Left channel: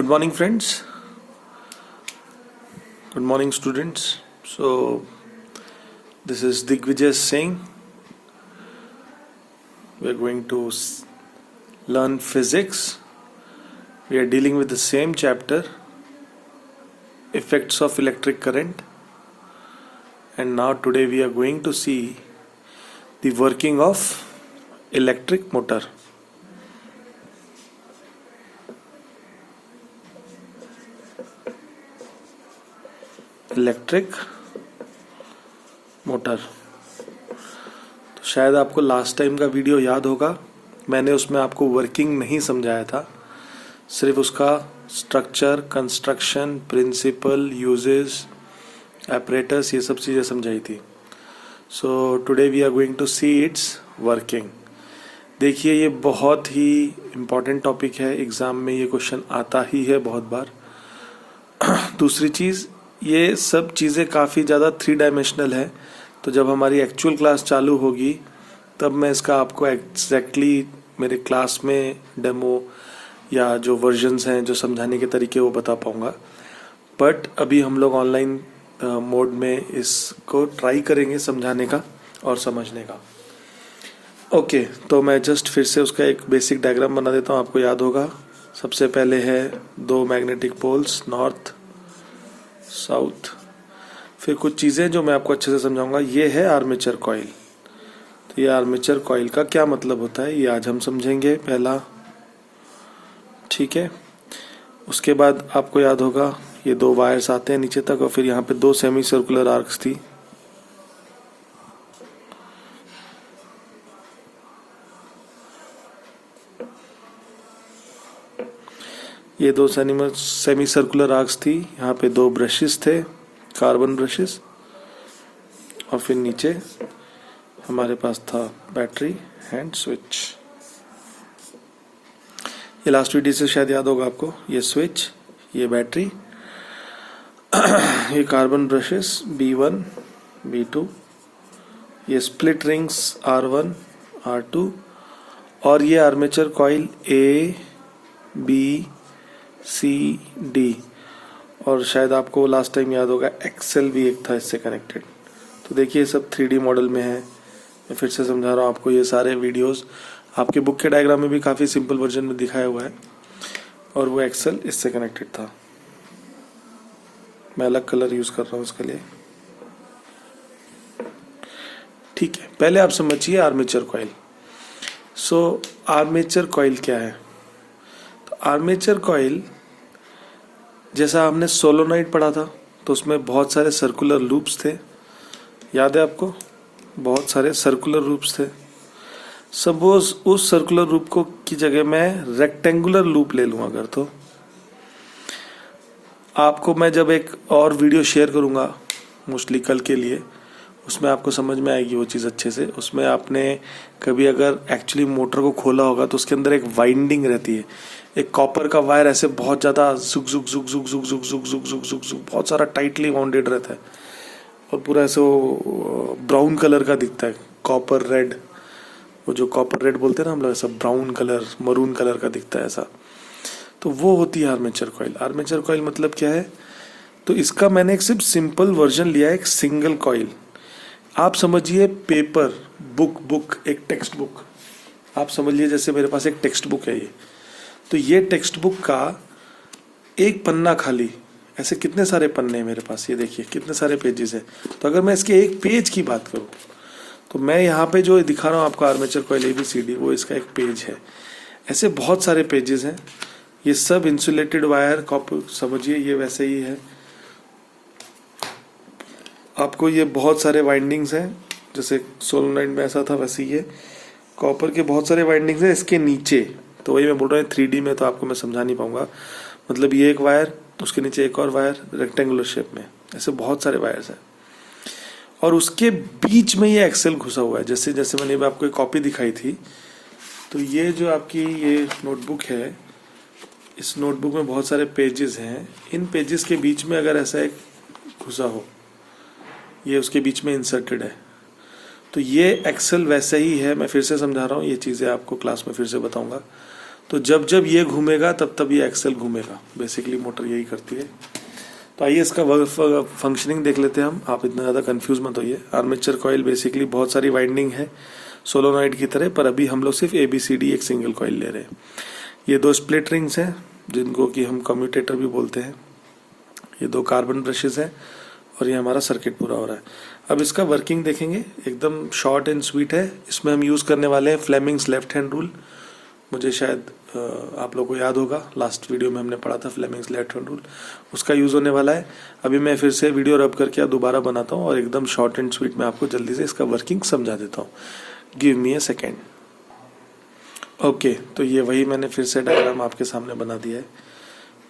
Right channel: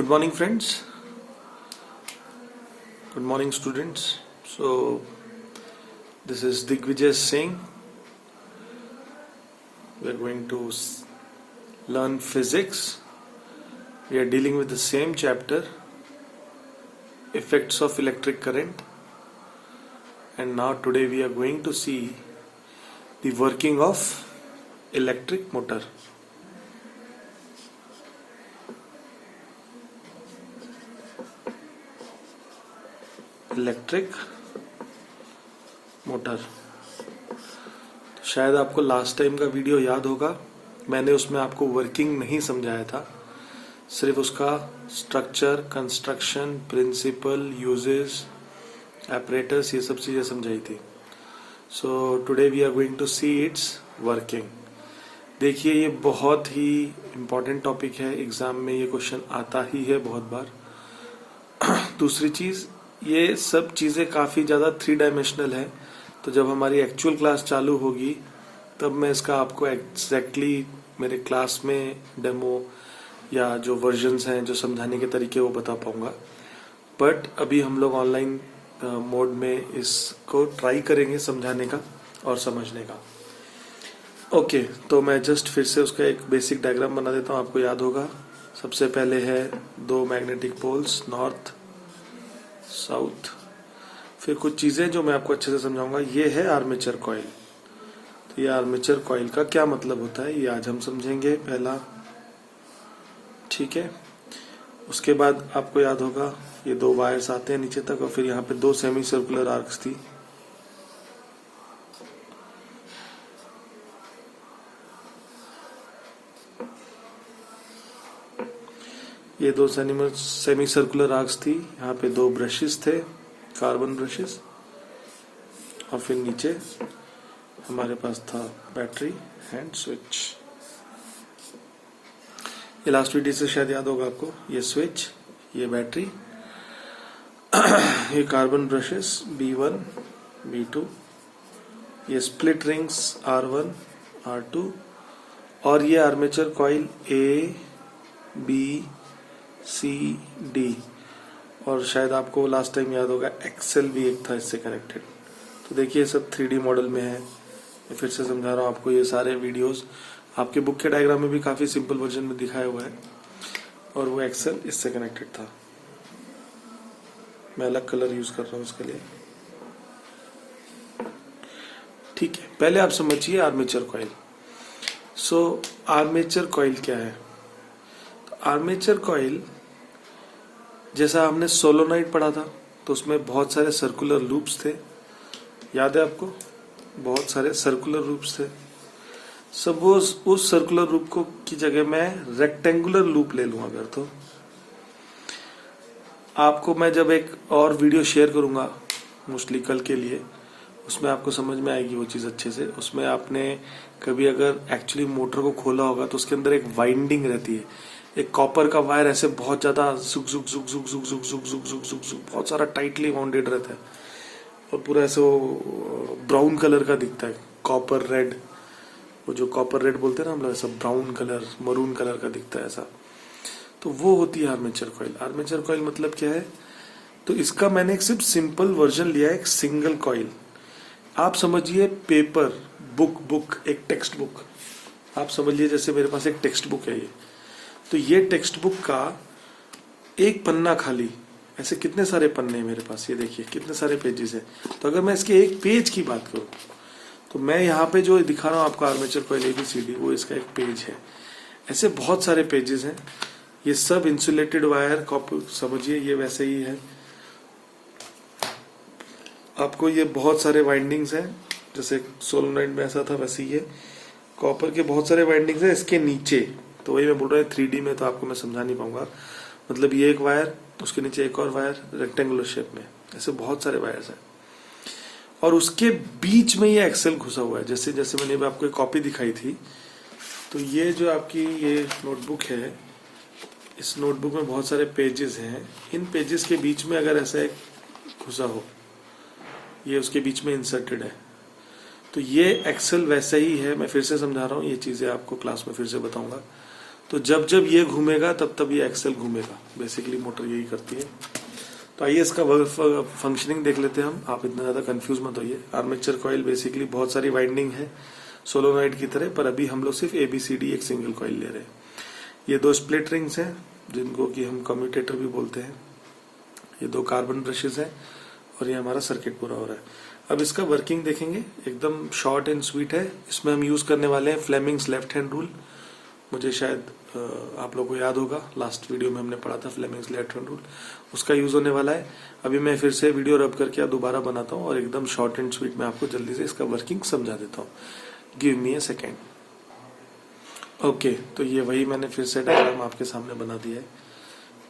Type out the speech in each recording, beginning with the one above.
Good morning, friends. Good morning, students. So, this is Digvijay Singh. We are going to learn physics. We are dealing with the same chapter, effects of electric current. And now, today, we are going to see the working of electric motor. Electric motor. तो शायद आपको last time का video याद होगा, मैंने उसमें आपको working नहीं समझाया था, सिर्फ उसका structure, construction, principle, uses, operators, ये सब चीज़ें समझाई थी। So today we are going to see it's working. देखिए, ये बहुत ही इम्पॉर्टेंट टॉपिक है, एग्जाम में ये क्वेश्चन आता ही है बहुत बार। दूसरी चीज़, ये सब चीज़ें काफ़ी ज़्यादा 3 डायमेंशनल है, तो जब हमारी एक्चुअल क्लास चालू होगी तब मैं इसका आपको एग्जैक्टली मेरे क्लास में डेमो या जो वर्जन्स हैं, जो समझाने के तरीके, वो बता पाऊँगा। बट अभी हम लोग ऑनलाइन मोड में इसको ट्राई करेंगे समझाने का और समझने का। ओके, तो मैं जस्ट फिर से उसका एक बेसिक डायग्राम बना देता हूँ, आपको याद होगा। सबसे पहले है 2 मैग्नेटिक पोल्स, नॉर्थ साउथ। फिर कुछ चीज़ें जो मैं आपको अच्छे से समझाऊंगा। ये है आर्मेचर कॉइल। तो ये आर्मेचर कॉइल का क्या मतलब होता है, ये आज हम समझेंगे पहला, ठीक है। उसके बाद आपको याद होगा ये 2 वायर्स आते हैं नीचे तक, और फिर यहाँ पे 2 सेमी सर्कुलर आर्क्स थी। ये 2 सेमी सर्कुलर आर्क्स थी, यहाँ पे 2 ब्रशेस थे, कार्बन ब्रशेस, और फिर नीचे हमारे पास था बैटरी हैंड स्विच। ये लास्ट वीडियो से शायद याद होगा आपको। ये स्विच, ये बैटरी, ये कार्बन ब्रशेस B1 B2, ये स्प्लिट रिंग्स R1 R2, और ये armature coil A B C D, और शायद आपको लास्ट टाइम याद होगा एक्सेल भी एक था इससे कनेक्टेड। तो देखिए, सब 3D मॉडल में है। मैं फिर से समझा रहा हूँ आपको, ये सारे वीडियोस आपके बुक के डायग्राम में भी काफ़ी सिंपल वर्जन में दिखाया हुआ है, और वो एक्सेल इससे कनेक्टेड था। मैं अलग कलर यूज कर रहा हूँ इसके लिए, ठीक है। पहले आप समझिए आर्मेचर कॉइल। सो आर्मेचर कॉइल क्या है? आर्मेचर कॉइल, जैसा हमने सोलोनॉइड पढ़ा था, तो उसमें बहुत सारे सर्कुलर लूप्स थे, याद है आपको? बहुत सारे सर्कुलर लूप्स थे। सपोज उस सर्कुलर लूप को की जगह मैं रेक्टेंगुलर लूप ले लूं अगर, तो आपको मैं जब एक और वीडियो शेयर करूंगा, मोस्टली कल के लिए, उसमें आपको समझ में आएगी वो चीज़ अच्छे से। उसमें आपने कभी अगर एक्चुअली मोटर को खोला होगा तो उसके अंदर एक वाइंडिंग रहती है, एक कॉपर का वायर ऐसे बहुत ज़्यादा जुक जुक जुक जुक जुक जुक जुक जुक जुक जुक जुक बहुत सारा टाइटली बाउंडेड रहता है, और पूरा ऐसे वो ब्राउन कलर का दिखता है, कॉपर रेड, वो जो कॉपर रेड बोलते हैं ना हम लोग, ऐसा ब्राउन कलर, मरून कलर का दिखता है ऐसा। तो वो होती है आर्मेचर कॉइल। आर्मेचर कॉइल मतलब क्या है? तो इसका मैंने एक सिर्फ सिंपल वर्जन लिया है, एक सिंगल कॉइल। आप समझिए पेपर, बुक, एक टेक्स्ट बुक आप समझ लीजिए, जैसे मेरे पास एक टेक्स्ट बुक है ये, तो ये टेक्स्ट बुक का एक पन्ना खाली, ऐसे कितने सारे पन्ने हैं मेरे पास, ये देखिए कितने सारे पेजेस हैं। तो अगर मैं इसके एक पेज की बात करूं, तो मैं यहाँ पे जो दिखा रहा हूँ आपको आर्मेचर कॉइल ABCD, वो इसका एक पेज है। ऐसे बहुत सारे पेजेस हैं, ये सब इंसुलेटेड वायर, कॉपर समझिए, ये वैसे ही है। आपको ये बहुत सारे वाइंडिंग्स हैं, जैसे सोलोनॉइड में ऐसा था, वैसे ही है। कॉपर के बहुत सारे वाइंडिंग्स हैं इसके नीचे। तो वही मैं बोल रहा हूँ 3D में तो आपको मैं समझा नहीं पाऊंगा। मतलब ये एक वायर, उसके नीचे एक और वायर रेक्टेंगुलर शेप में, ऐसे बहुत सारे वायर्स हैं, और उसके बीच में ये एक्सेल घुसा हुआ है। जैसे जैसे मैंने आपको एक कॉपी दिखाई थी, तो ये जो आपकी ये नोटबुक है, इस नोटबुक में बहुत सारे पेजेस हैं। इन पेजेस के बीच में अगर ऐसा एक घुसा हो, ये उसके बीच में इंसर्टेड है, तो ये एक्सेल वैसे ही है। मैं फिर से समझा रहा हूँ, ये चीज़ें आपको क्लास में फिर से बताऊंगा। तो जब जब ये घूमेगा तब तब ये एक्सेल घूमेगा। बेसिकली मोटर यही करती है। तो आइए इसका फंक्शनिंग देख लेते हैं हम। आप इतना ज़्यादा कंफ्यूज मत होइए। आर्मेचर कॉइल बेसिकली बहुत सारी वाइंडिंग है सोलोनॉइड की तरह, पर अभी हम लोग सिर्फ ABCD एक सिंगल कॉइल ले रहे हैं। ये 2 स्प्लिट रिंग्स हैं जिनको कि हम कम्यूटेटर भी बोलते हैं। ये 2 कार्बन ब्रशेस हैं और ये हमारा सर्किट पूरा हो रहा है। अब इसका वर्किंग देखेंगे, एकदम शॉर्ट एंड स्वीट है। इसमें हम यूज करने वाले हैं फ्लेमिंग्स लेफ्ट हैंड रूल। मुझे शायद आप लोगों को याद होगा, लास्ट वीडियो में हमने पढ़ा था फ्लेमिंग्स लेफ्ट हैंड रूल, उसका यूज होने वाला है। अभी मैं फिर से वीडियो रब करके दोबारा बनाता हूँ और एकदम शॉर्ट एंड स्वीट में आपको जल्दी से इसका वर्किंग समझा देता हूँ। Give me a second. Okay, तो ये वही मैंने फिर से डायग्राम आपके सामने बना दिया है।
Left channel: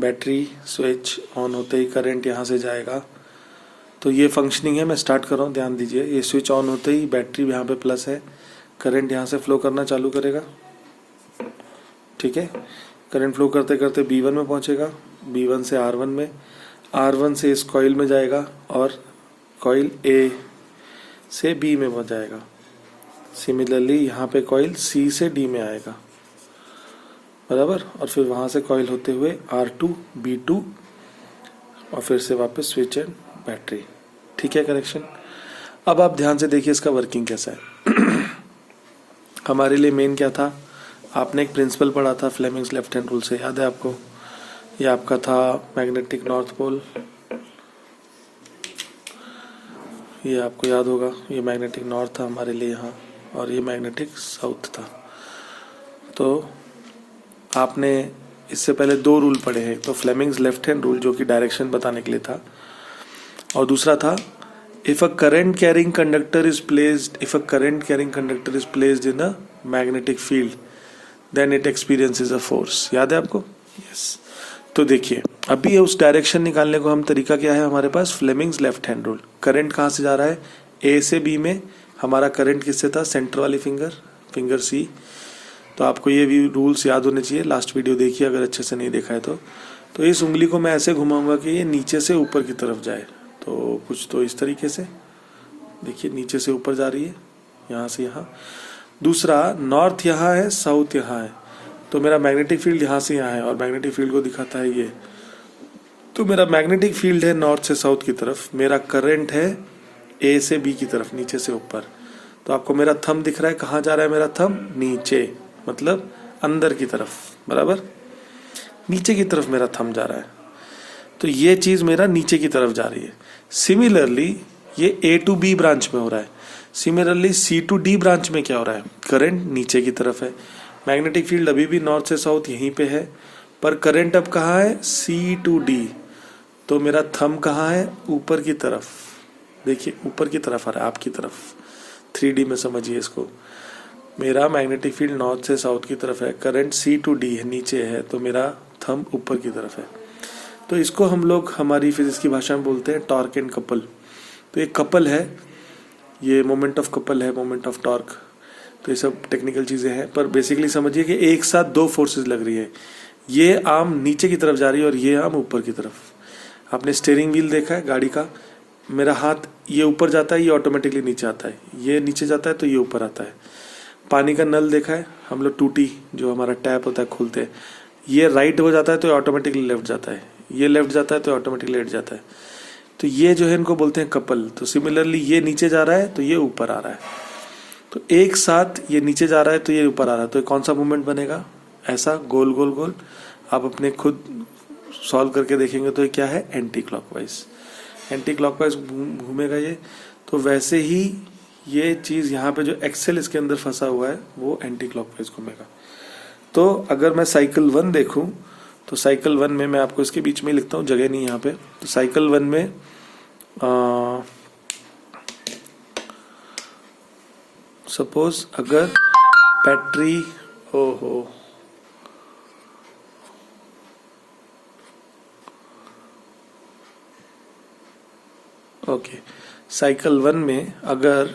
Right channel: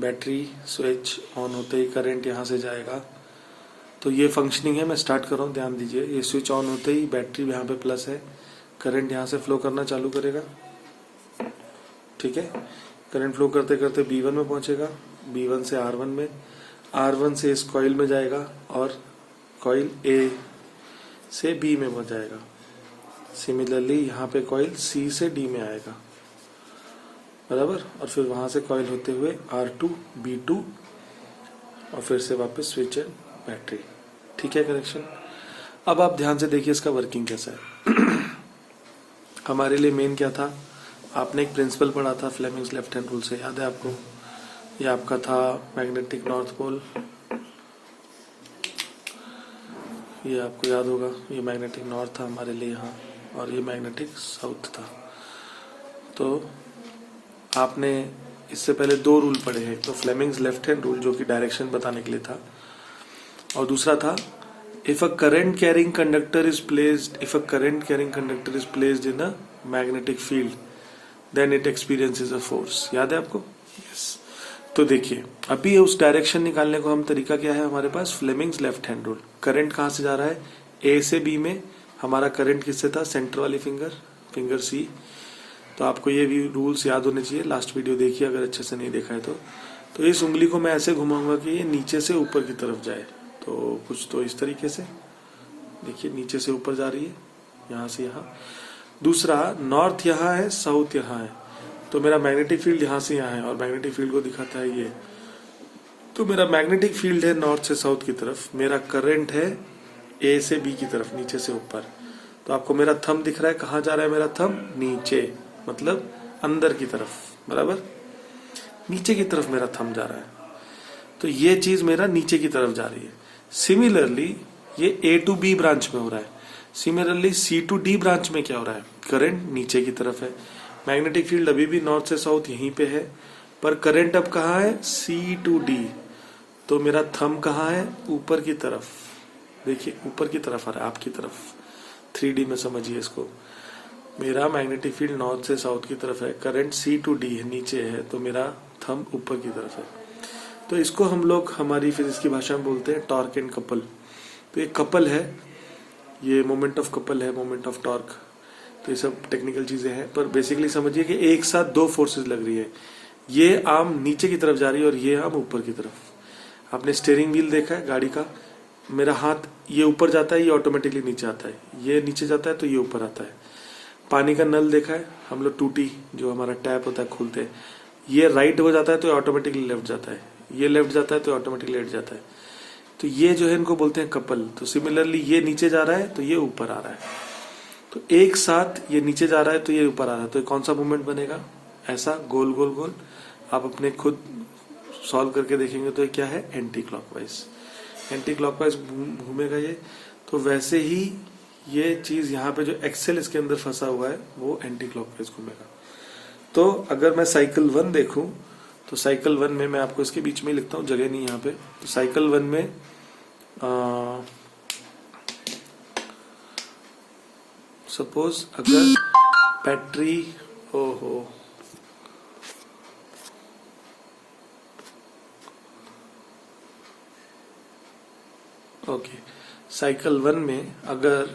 बैटरी स्विच ऑन होते ही करंट यहाँ से जाएगा। तो ये फंक्शनिंग है, मैं स्टार्ट कर रहा हूँ, ध्यान दीजिए। ये स्विच ऑन होते ही बैटरी यहाँ पे प्लस है, करंट यहाँ से फ्लो करना चालू करेगा। ठीक है, करंट फ्लो करते करते B1 में पहुंचेगा, B1 से R1 में, R1 से इस कॉइल में जाएगा और कॉइल A से B में पहुंच जाएगा। सिमिलरली यहाँ पे कॉइल C से D में आएगा, बराबर। और फिर वहां से कॉइल होते हुए R2 B2 और फिर से वापस स्विच एंड बैटरी। ठीक है, कनेक्शन। अब आप ध्यान से देखिए इसका वर्किंग कैसा है। हमारे लिए मेन क्या था, आपने एक प्रिंसिपल पढ़ा था फ्लेमिंग्स लेफ्ट हैंड रूल से, याद है आपको? ये आपका था मैग्नेटिक नॉर्थ पोल, ये आपको याद होगा। ये मैग्नेटिक नॉर्थ था हमारे लिए यहाँ, और ये मैग्नेटिक साउथ था। तो आपने इससे पहले 2 रूल पढ़े हैं, तो फ्लेमिंग्स लेफ्ट हैंड रूल जो कि डायरेक्शन बताने के लिए था, और दूसरा था if a current carrying conductor is placed in a magnetic field then it experiences a force. याद है आपको? यस। तो देखिए, अभी उस डायरेक्शन निकालने को हम तरीका क्या है हमारे पास, Fleming's left hand rule. Current कहां से जा रहा है, A से B में। हमारा करंट किससे था, सेंटर वाली फिंगर C। तो आपको ये भी रूल्स याद होने चाहिए, लास्ट वीडियो देखिए अगर अच्छे से नहीं देखा है तो इस उंगली को मैं ऐसे घुमाऊंगा कि ये नीचे से ऊपर की तरफ जाए। तो कुछ तो इस तरीके से देखिए, नीचे से ऊपर जा रही है, यहाँ से यहाँ। दूसरा, नॉर्थ यहाँ है, साउथ यहाँ है, तो मेरा मैग्नेटिक फील्ड यहाँ से यहाँ है, और मैग्नेटिक फील्ड को दिखाता है ये। तो मेरा मैग्नेटिक फील्ड है नॉर्थ से साउथ की तरफ, मेरा करंट है A से B की तरफ, नीचे से ऊपर। तो आपको मेरा थंब दिख रहा है, कहाँ जा रहा है मेरा थंब, नीचे, मतलब अंदर की तरफ, बराबर। नीचे की तरफ मेरा थंब जा रहा है, तो ये चीज मेरा नीचे की तरफ जा रही है। सिमिलरली ये A to B ब्रांच में हो रहा है। Similarly C to D branch में क्या हो रहा है, करंट नीचे की तरफ है, मैग्नेटिक फील्ड अभी भी नॉर्थ से साउथ यहीं पे है, पर करंट अब कहाँ है, C to D। तो मेरा थंब कहाँ है, ऊपर की तरफ। देखिए ऊपर की तरफ आ रहा है, आपकी तरफ। 3D में समझिए इसको। मेरा मैग्नेटिक फील्ड नॉर्थ से साउथ की तरफ है, करंट C to D है, नीचे है, तो मेरा थंब ऊपर की तरफ है। तो इसको हम लोग हमारी फिजिक्स की भाषा में बोलते हैं टॉर्क एंड कपल। तो एक कपल है, ये मोमेंट ऑफ कपल है, मोमेंट ऑफ टॉर्क। तो ये सब टेक्निकल चीजें हैं, पर बेसिकली समझिए कि एक साथ 2 फोर्सेस लग रही है। ये आर्म नीचे की तरफ जा रही है और ये आर्म ऊपर की तरफ। आपने स्टीयरिंग व्हील देखा है गाड़ी का, मेरा हाथ ये ऊपर जाता है, ये ऑटोमेटिकली नीचे आता है, ये नीचे जाता है तो ये ऊपर आता है। पानी का नल देखा है हम लोग, टूटी जो हमारा टैप होता है खोलते हैं, ये राइट हो जाता है तो ऑटोमेटिकली लेफ्ट जाता है, ये लेफ्ट जाता है तो ऑटोमेटिकली लेफ्ट जाता है। तो ये जो है इनको बोलते हैं कपल। तो सिमिलरली ये नीचे जा रहा है तो ये ऊपर आ रहा है, तो एक साथ ये नीचे जा रहा है तो ये ऊपर आ रहा है, तो कौन सा मूवमेंट बनेगा, ऐसा गोल गोल गोल। आप अपने खुद सॉल्व करके देखेंगे तो ये क्या है, एंटी क्लॉकवाइज घूमेगा ये। तो वैसे ही ये चीज यहाँ पे जो एक्सेल इसके अंदर फंसा हुआ है वो एंटी क्लॉकवाइज घूमेगा। तो अगर मैं साइकिल 1 देखूं, तो साइकिल 1 में मैं आपको इसके बीच में लिखता हूं, जगह नहीं यहाँ पे। तो साइकिल 1 में सपोज अगर बैटरी, ओहो, ओके, साइकिल 1 में अगर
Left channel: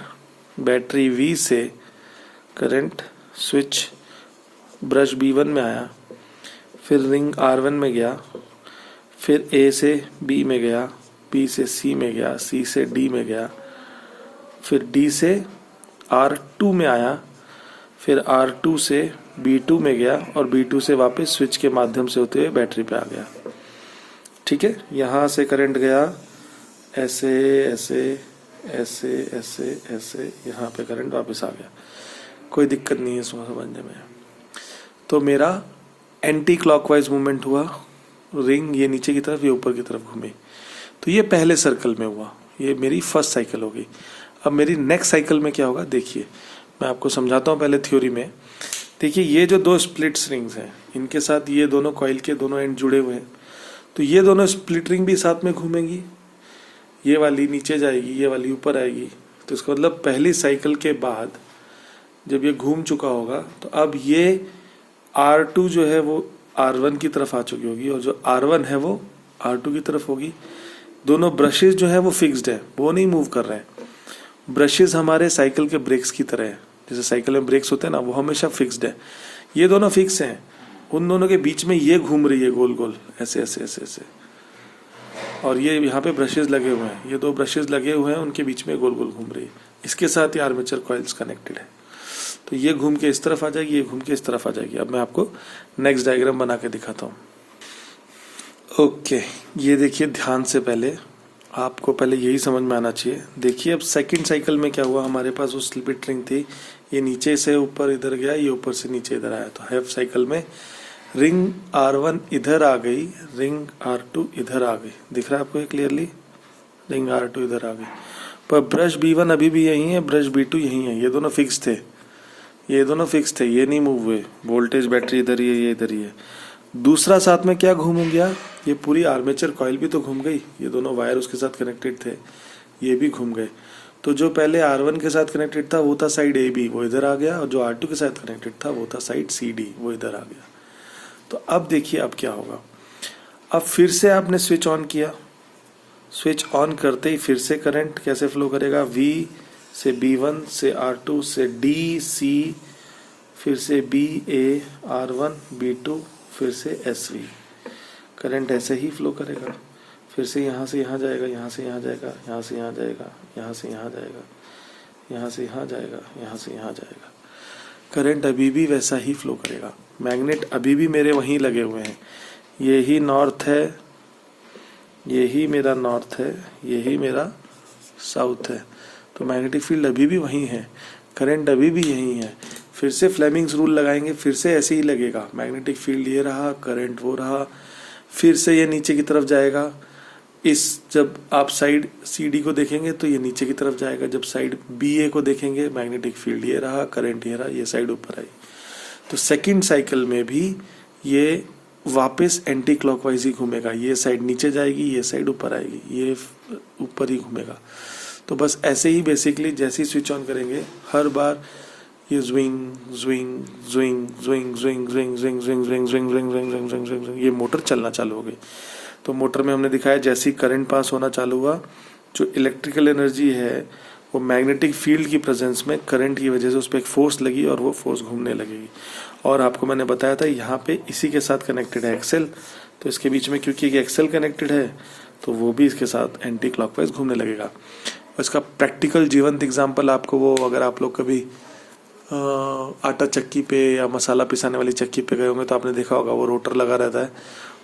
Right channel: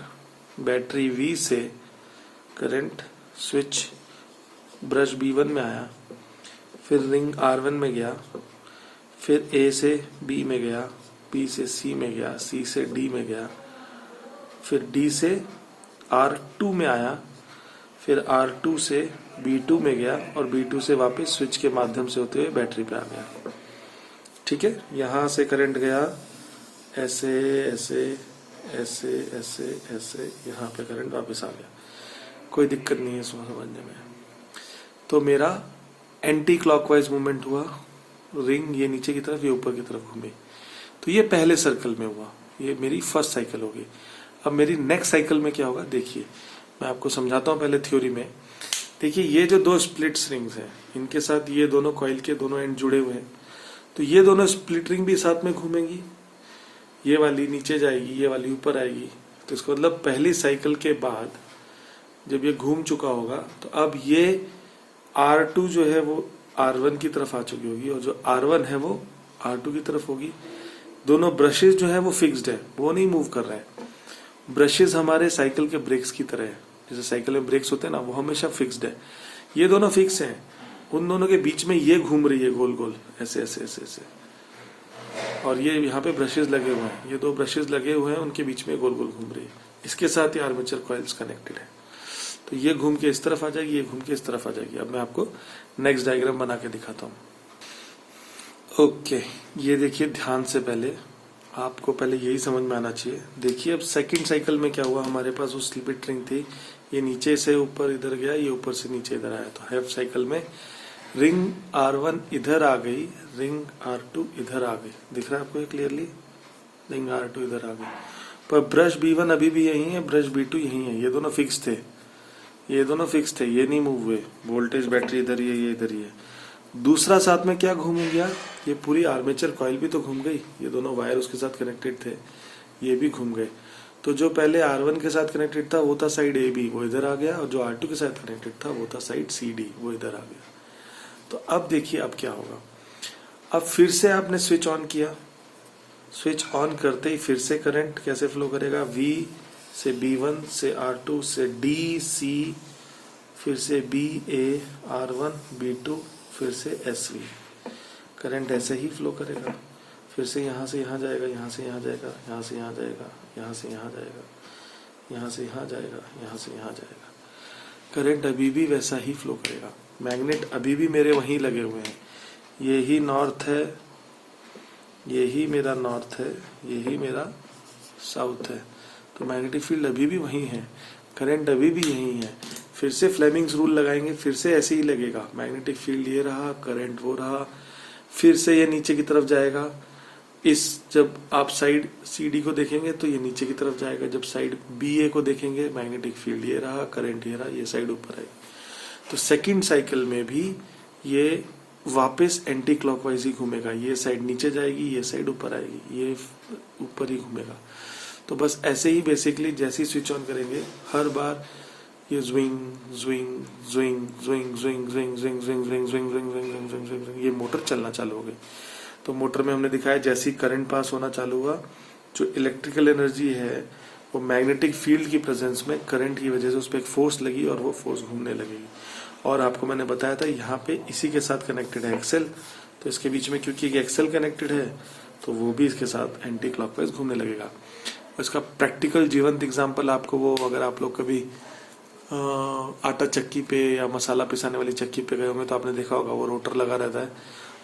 बैटरी V से करंट स्विच ब्रश B1 में आया, फिर रिंग R1 में गया, फिर A से B में गया, B से C में गया, C से D में गया, फिर D से R2 में आया, फिर R2 से B2 में गया और B2 से वापस स्विच के माध्यम से होते हुए बैटरी पे आ गया। ठीक है, यहां से करंट गया ऐसे ऐसे ऐसे ऐसे ऐसे, यहाँ पे करंट वापस आ गया। कोई दिक्कत नहीं है इसमें समझने में। तो मेरा एंटी क्लॉकवाइज मूवमेंट हुआ, रिंग ये नीचे की तरफ ये ऊपर की तरफ घूमी। तो ये पहले सर्कल में हुआ, ये मेरी फर्स्ट साइकिल होगी। अब मेरी नेक्स्ट साइकिल में क्या होगा देखिए, मैं आपको समझाता हूँ पहले थ्योरी में। देखिए ये जो दो स्प्लिट रिंग्स हैं, इनके साथ ये दोनों कॉइल के दोनों एंड जुड़े हुए हैं, तो ये दोनों स्प्लिट रिंग भी साथ में घूमेंगी। ये वाली नीचे जाएगी, ये वाली ऊपर आएगी। तो इसका मतलब पहली साइकिल के बाद जब ये घूम चुका होगा तो अब ये R2 जो है वो R1 की तरफ आ चुकी होगी और जो R1 है वो R2 की तरफ होगी। दोनों ब्रशेस जो है वो फिक्स्ड है, वो नहीं मूव कर रहे हैं। ब्रशेस हमारे साइकिल के ब्रेक्स की तरह है, जैसे साइकिल में ब्रेक्स होते हैं ना, वो हमेशा फिक्स्ड है। ये दोनों फिक्स हैं, उन दोनों के बीच में ये घूम रही है गोल गोल ऐसे ऐसे ऐसे ऐसे, और ये यहाँ पे ब्रशेस लगे हुए हैं, ये दो ब्रशेस लगे हुए हैं, उनके बीच में गोल गोल घूम रही है। इसके साथ ही आर्मेचर कॉइल्स कनेक्टेड है। तो ये घूम के इस तरफ आ जाएगी, ये घूम के इस तरफ आ जाएगी। अब मैं आपको नेक्स्ट डायग्राम बना के दिखाता हूँ। ओके, ये देखिए ध्यान से, पहले आपको पहले यही समझ में आना चाहिए। देखिए अब सेकंड साइकिल में क्या हुआ, हमारे पास वो स्प्लिट रिंग थी, ये नीचे से ऊपर इधर गया, ये ऊपर से नीचे इधर आया। तो हाफ साइकिल में रिंग R1 इधर आ गई, रिंग R2 इधर आ गई। दिख रहा है आपको क्लियरली, रिंग R2 इधर आ गई। पर ब्रश B1 अभी भी यही है, ब्रश B2 यही है। ये दोनों फिक्स थे, ये दोनों फिक्स थे, ये नहीं मूव हुए। वोल्टेज बैटरी इधर ही है, ये इधर ही है। दूसरा साथ में क्या घूम गया, ये पूरी आर्मेचर कॉइल भी तो घूम गई। ये दोनों वायर उसके साथ कनेक्टेड थे, ये भी घूम गए। तो जो पहले R1 के साथ कनेक्टेड था वो था साइड AB, वो इधर आ गया, और जो R2 के साथ कनेक्टेड था वो था साइड CD, वो इधर आ गया। तो अब देखिए अब क्या होगा। अब फिर से आपने स्विच ऑन किया, स्विच ऑन करते ही फिर से करंट कैसे फ्लो करेगा, V से B1 से R2 से DC, फिर से BA R1 B2, फिर से SV। करंट ऐसे ही फ्लो करेगा। फिर से यहाँ से यहाँ जाएगा, यहाँ से यहाँ जाएगा, यहाँ से यहाँ जाएगा, यहाँ से यहाँ जाएगा, यहाँ से यहाँ जाएगा, यहाँ से यहाँ जाएगा। करंट अभी भी वैसा ही फ्लो करेगा। मैग्नेट अभी भी मेरे वहीं लगे हुए हैं, यही नॉर्थ है, यही मेरा नॉर्थ है, यही मेरा साउथ है। तो मैग्नेटिक फील्ड अभी भी वहीं है, करंट अभी भी यही है। फिर से फ्लेमिंग्स रूल लगाएंगे, फिर से ऐसे ही लगेगा। मैग्नेटिक फील्ड ये रहा, करंट वो रहा, फिर से ये नीचे की तरफ जाएगा। जब आप साइड CD को देखेंगे तो ये नीचे की तरफ जाएगा, जब साइड BA को देखेंगे मैग्नेटिक फील्ड ये रहा, करंट ये रहा, ये साइड ऊपर आई। तो सेकंड साइकिल में भी ये वापस एंटी क्लॉकवाइज ही घूमेगा। ये साइड नीचे जाएगी, ये साइड ऊपर आएगी, ये ऊपर ही घूमेगा। तो बस ऐसे ही बेसिकली जैसे ही स्विच ऑन करेंगे हर बार ये ज्विंग ज्विंग ज्विंग ज्विंग ज्विंग ज्विंग ज्विंग ज्विंग ज्विंग ज्विंग ज्विंग ज्विंग ज्विंग ज्विंग ज्विंग ये मोटर चलना चालू हो गई। तो मोटर में हमने दिखाया जैसे ही करंट पास होना चालू हुआ, जो इलेक्ट्रिकल एनर्जी है वो मैग्नेटिक फील्ड की प्रेजेंस में करंट की वजह से उस पर एक फोर्स लगी और वो फोर्स घूमने लगेगी। और आपको मैंने बताया था यहाँ पे इसी के साथ कनेक्टेड है एक्सेल, तो इसके बीच में क्योंकि एक्सेल कनेक्टेड है तो वो भी इसके साथ एंटी क्लॉकवाइज घूमने लगेगा। इसका प्रैक्टिकल जीवंत एग्जाम्पल आपको वो, अगर आप लोग कभी आटा चक्की पे या मसाला पिसाने वाली चक्की पे गए होंगे तो आपने देखा होगा वो रोटर लगा रहता है,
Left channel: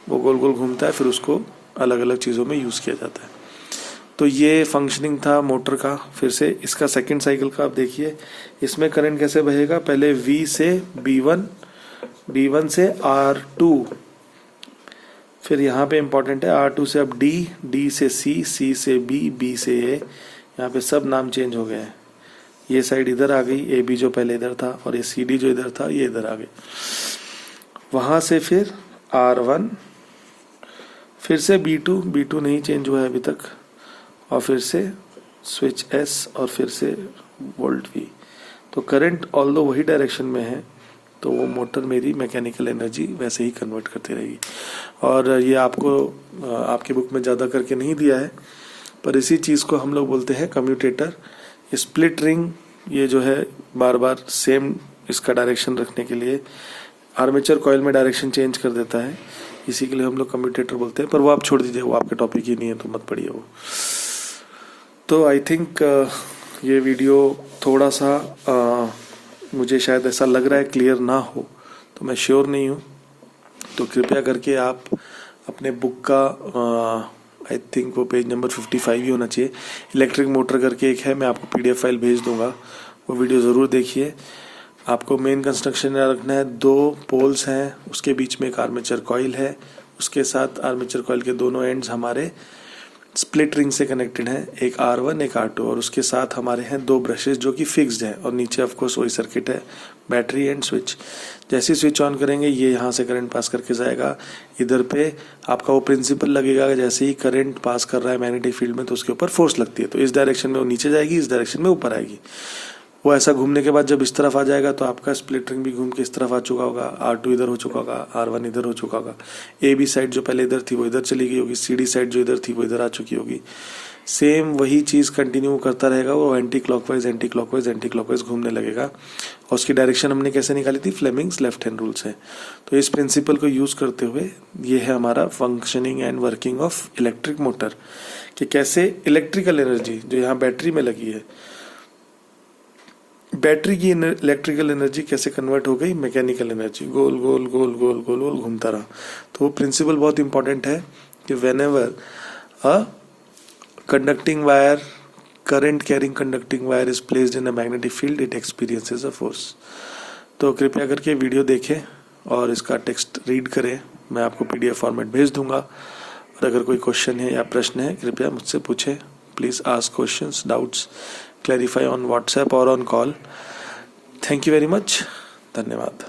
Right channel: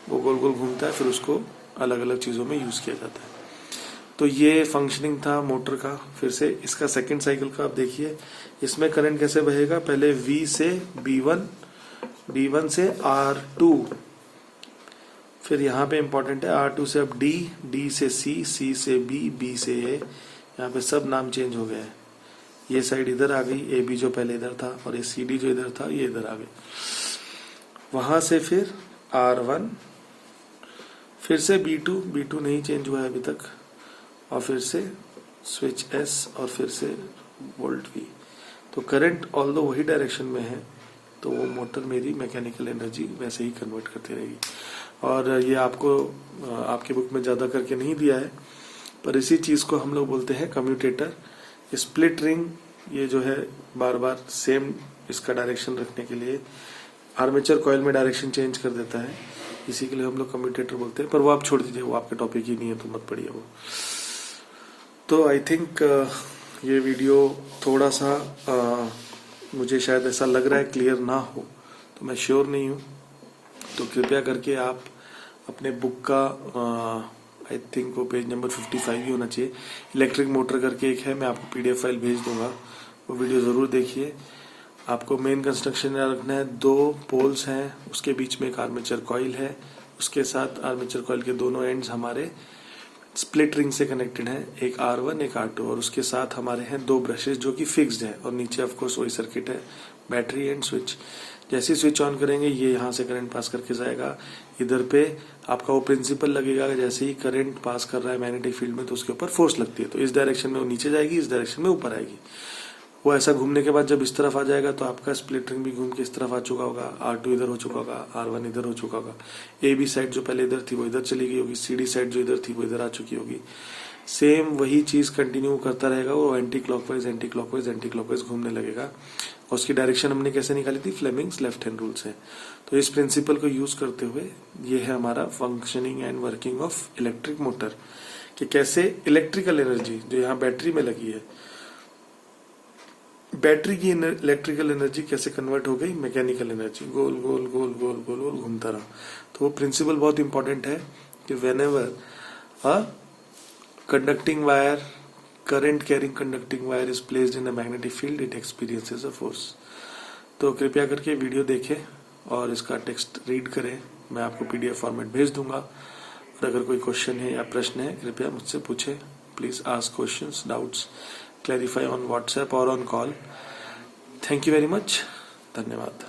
वो गोल गोल घूमता है, फिर उसको अलग अलग चीज़ों में यूज़ किया जाता है। तो ये फंक्शनिंग था मोटर का। फिर से इसका सेकंड साइकिल का आप देखिए, इसमें करंट कैसे बहेगा, पहले V से B1, B1 से R2, फिर यहाँ पे इंपॉर्टेंट है R2 से अब D, D से C, C से B, B से A। यहाँ पे सब नाम चेंज हो गए हैं। ये साइड इधर आ गई, AB जो पहले इधर था, और ये CD जो इधर था ये इधर आ गई। वहां से फिर R1, फिर से B2, B2 नहीं चेंज हुआ है अभी तक, और फिर से स्विच S, और फिर से वोल्ट V। तो करंट ऑल्दो वही डायरेक्शन में है, तो वो मोटर मेरी मैकेनिकल एनर्जी वैसे ही कन्वर्ट करती रहेगी। और ये आपको आपके बुक में ज़्यादा करके नहीं दिया है, पर इसी चीज़ को हम लोग बोलते हैं कम्यूटेटर। स्प्लिट रिंग ये जो है बार बार सेम इसका डायरेक्शन रखने के लिए आर्मेचर कॉइल में डायरेक्शन चेंज कर देता है, इसी के लिए हम लोग कम्यूटेटर बोलते हैं। पर वो आप छोड़ दीजिए, वो आपके टॉपिक ही नहीं है तो मत पढ़िए वो। तो आई थिंक ये वीडियो थोड़ा सा मुझे शायद ऐसा लग रहा है क्लियर ना हो, तो मैं श्योर नहीं हूँ। तो कृपया करके आप अपने बुक का आई थिंक वो पेज नंबर 55 ही होना चाहिए, इलेक्ट्रिक मोटर करके एक है, मैं आपको PDF फाइल भेज दूंगा, वो वीडियो ज़रूर देखिए। आपको मेन कंस्ट्रक्शन रखना है, 2 पोल्स हैं, उसके बीच में एक आर्मेचर कॉइल है, उसके साथ आर्मेचर कॉइल के दोनों एंड्स हमारे स्प्लिट रिंग से कनेक्टेड हैं, एक R1 एक R2, और उसके साथ हमारे हैं 2 ब्रशेस जो कि फिक्स्ड है, और नीचे ऑफकोर्स वही सर्किट है, बैटरी एंड स्विच। जैसे ही स्विच ऑन करेंगे ये यहाँ से करंट पास करके जाएगा, इधर पे आपका वो प्रिंसिपल लगेगा, जैसे ही करंट पास कर रहा है मैग्नेटिक फील्ड में तो उसके ऊपर फोर्स लगती है, तो इस डायरेक्शन में वो नीचे जाएगी, इस डायरेक्शन में ऊपर आएगी। वो ऐसा घूमने के बाद जब इस तरफ आ जाएगा तो आपका स्प्लिट रिंग भी घूम के इस तरफ आ चुका होगा, R2 इधर हो चुका होगा, R1 इधर हो चुका होगा, AB साइड जो पहले इधर थी वो इधर चली गई होगी, CD साइड जो इधर थी वो इधर आ चुकी होगी। सेम वही चीज़ कंटिन्यू करता रहेगा, वो एंटी क्लॉकवाइज घूमने लगेगा। और उसकी डायरेक्शन हमने कैसे निकाली थी, फ्लेमिंग्स लेफ्ट हैंड रूल से। तो इस प्रिंसिपल को यूज़ करते हुए ये है हमारा functioning and working of electric motor, कि कैसे इलेक्ट्रिकल एनर्जी जो यहाँ बैटरी में लगी है, बैटरी की इलेक्ट्रिकल एनर्जी कैसे कन्वर्ट हो गई मैकेनिकल एनर्जी, गोल गोल गोल गोल गोल गोल घूमता रहा। तो वो प्रिंसिपल बहुत इंपॉर्टेंट है कि whenever a conducting wire, current carrying conducting wire is placed in a magnetic field, it experiences a force। तो कृपया करके वीडियो देखें और इसका टेक्स्ट रीड करें, मैं आपको PDF फॉर्मेट भेज दूंगा। और अगर कोई क्वेश्चन है या प्रश्न है कृपया मुझसे पूछें, please ask questions, doubts clarify on WhatsApp और on call. Thank you very much, धन्यवाद।